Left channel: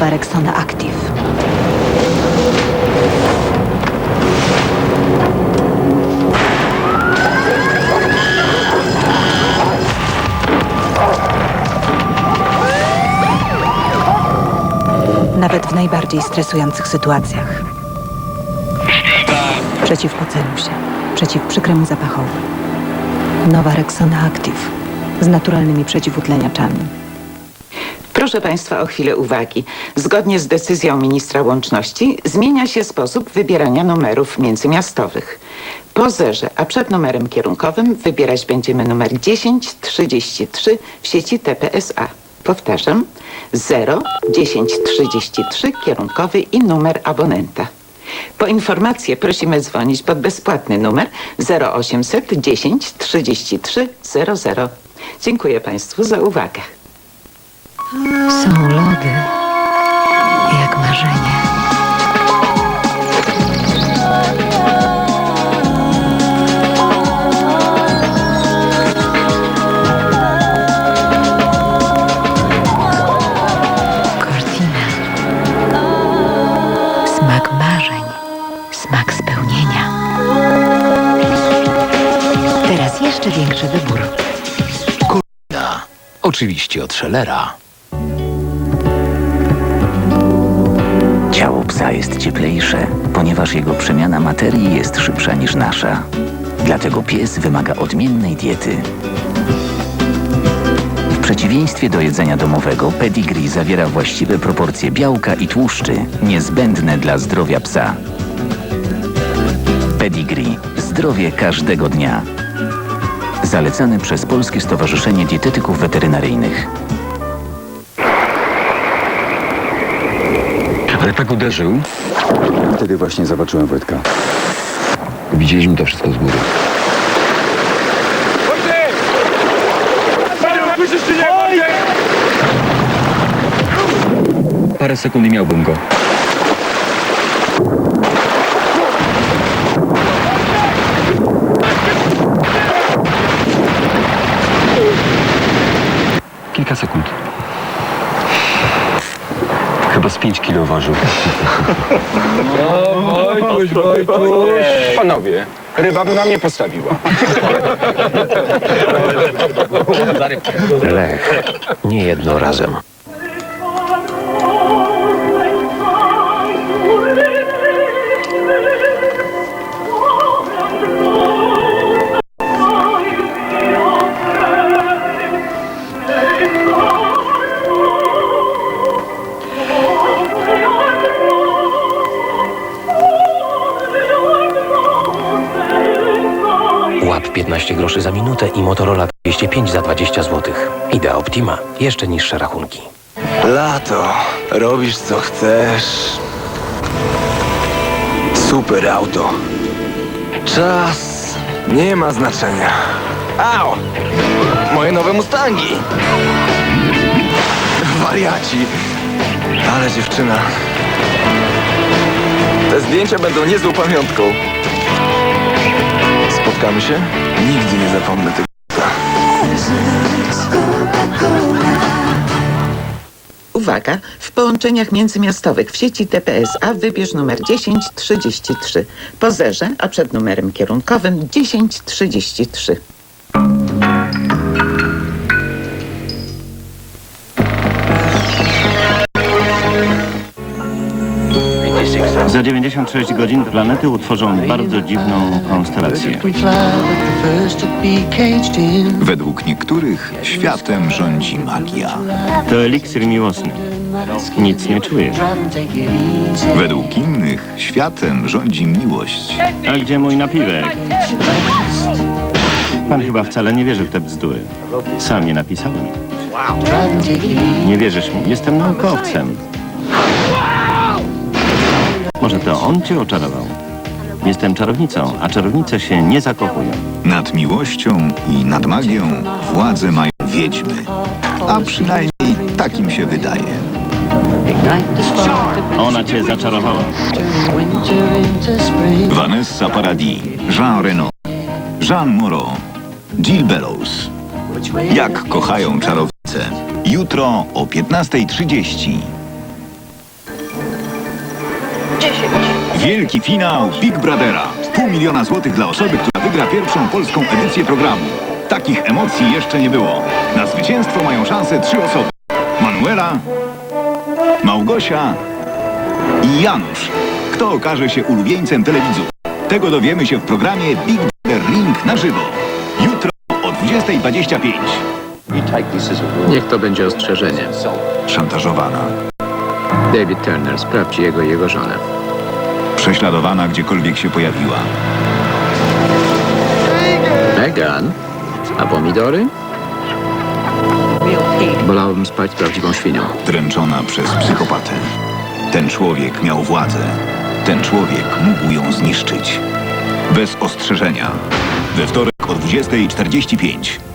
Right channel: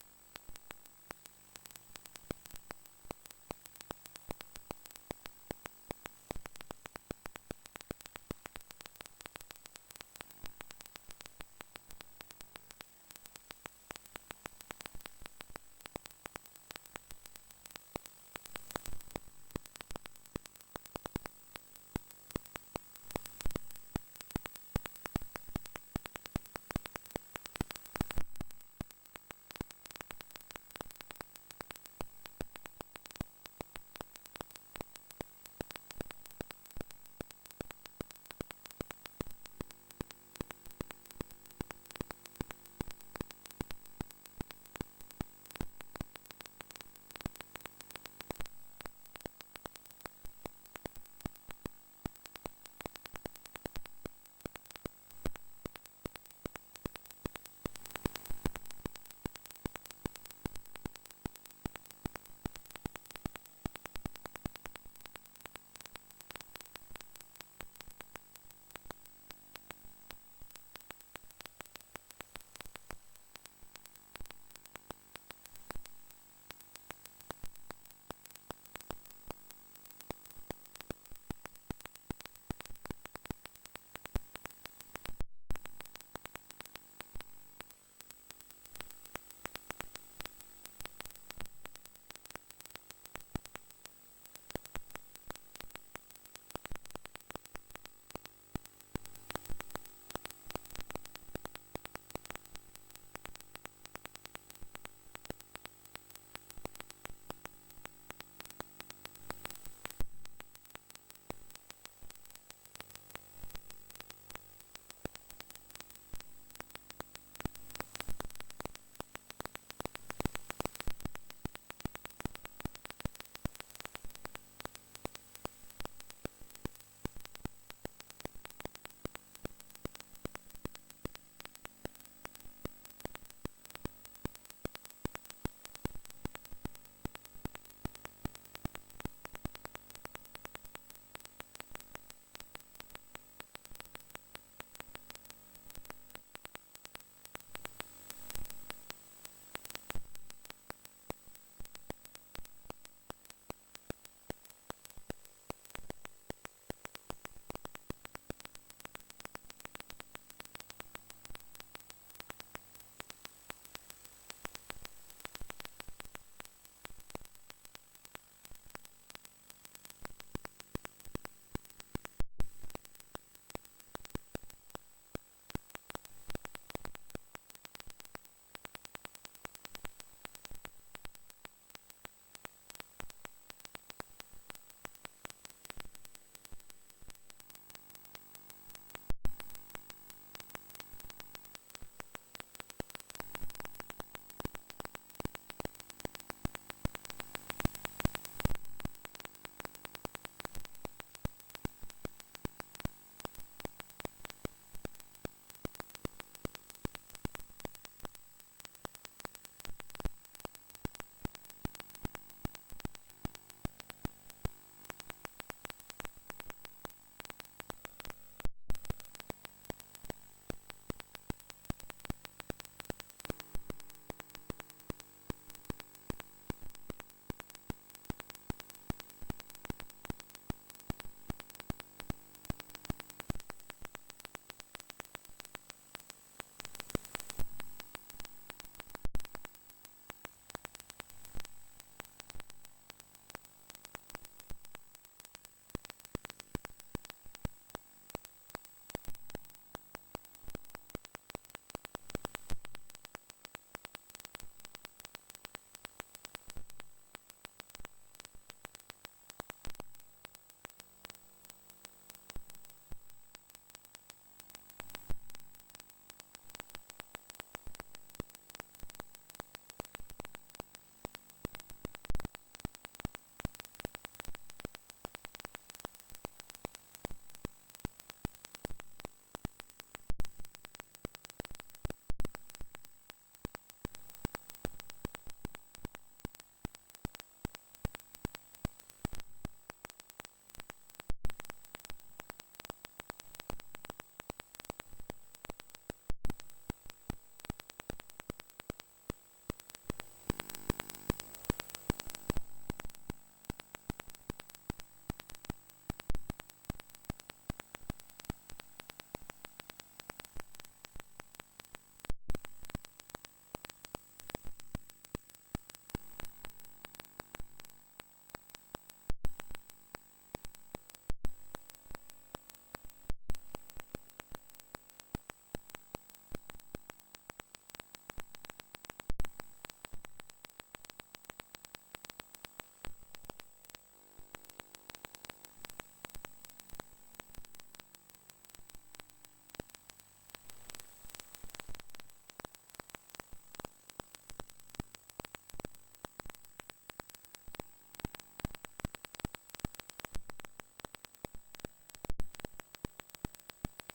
Rexona Active. Nawet w najbardziej stresujących sytuacjach. Przeciw poceniu się, przeciw przykremu zapachowi. Nowa Rexona Active z naturalnymi przeciwutleniaczami. Proszę Państwa o chwilę uwagi. Zgodnie z decyzją ministra łączności zmienia się sposób wybierania numerów międzymiastowych. Po zerze, a przed numerem kierunkowym wybierać będziemy numer 1033 w sieci TPSA. Powtarzam, 0 1033 kierunkowy i numer abonenta. Po informację prosimy dzwonić pod bezpłatny numer 0800 10 33 00. Dziękuję Państwu za uwagę. Są lody jak marzenie. Cortina. Smak marzeń. Smak spełnienia. Teraz jeszcze większy wybór. Oczywiście od Schellera. Ciało psa jest cieplejsze, ponieważ jego przemiana materii jest szybsza niż nasza. Dlatego pies wymaga odmiennej diety. W przeciwieństwie do jedzenia domowego, pedigree zawiera właściwe proporcje białka i tłuszczy, niezbędne dla zdrowia psa. Pedigree. Zdrowie każdego dnia. Zalecany przez Polskie Stowarzyszenie Dietetyków Weterynaryjnych. Tak uderzył. Wtedy właśnie zobaczyłem Wojtka. Widzieliśmy to wszystko z góry. Parę sekund i miałbym go. 5 kilo ważył. Panowie, ryba by wam nie postawiła. Lech. Nie jedno razem. 15 groszy za minutę i Motorola 205 za 20 zł. Idea Optima. Jeszcze niższe rachunki. Lato, robisz co chcesz. Super auto. Czas nie ma znaczenia. Au! Moje nowe Mustangi. Wariaci. Ale dziewczyna. Te zdjęcia będą niezłą pamiątką. Spotkamy się? Nigdy nie zapomnę tego. Uwaga! W połączeniach międzymiastowych w sieci TPSA wybierz numer 1033. Po zerze, a przed numerem kierunkowym 1033. Za 96 godzin planety utworzą bardzo dziwną konstelację. Według niektórych światem rządzi magia. To eliksir miłosny. Nic nie czujesz. Według innych światem rządzi miłość. A gdzie mój napiwek? Pan chyba wcale nie wierzy w te bzdury. Sam je napisałem. Nie wierzysz mi? Jestem naukowcem. Może to on cię oczarował? Jestem czarownicą, a czarownice się nie zakochują. Nad miłością i nad magią władzę mają wiedźmy. A przynajmniej takim się wydaje. Ona cię zaczarowała. Vanessa Paradis, Jean Reno, Jean Moreau, Jill Bellows. Jak kochają czarownice. Jutro o 15.30. Wielki finał Big Brothera. Pół miliona złotych dla osoby, która wygra pierwszą polską edycję programu. Takich emocji jeszcze nie było. Na zwycięstwo mają szansę trzy osoby. Manuela, Małgosia i Janusz. Kto okaże się ulubieńcem telewidzów? Tego dowiemy się w programie Big Brother Ring na żywo. Jutro o 20.25. Niech to będzie ostrzeżenie. Szantażowana, David Turner, sprawdź jego i jego żonę. prześladowana gdziekolwiek się pojawiła. Megan? A pomidory? Wolałbym spać z prawdziwą świnią. dręczona przez psychopatę. Ten człowiek miał władzę. Ten człowiek mógł ją zniszczyć. Bez ostrzeżenia. We wtorek o 20.45.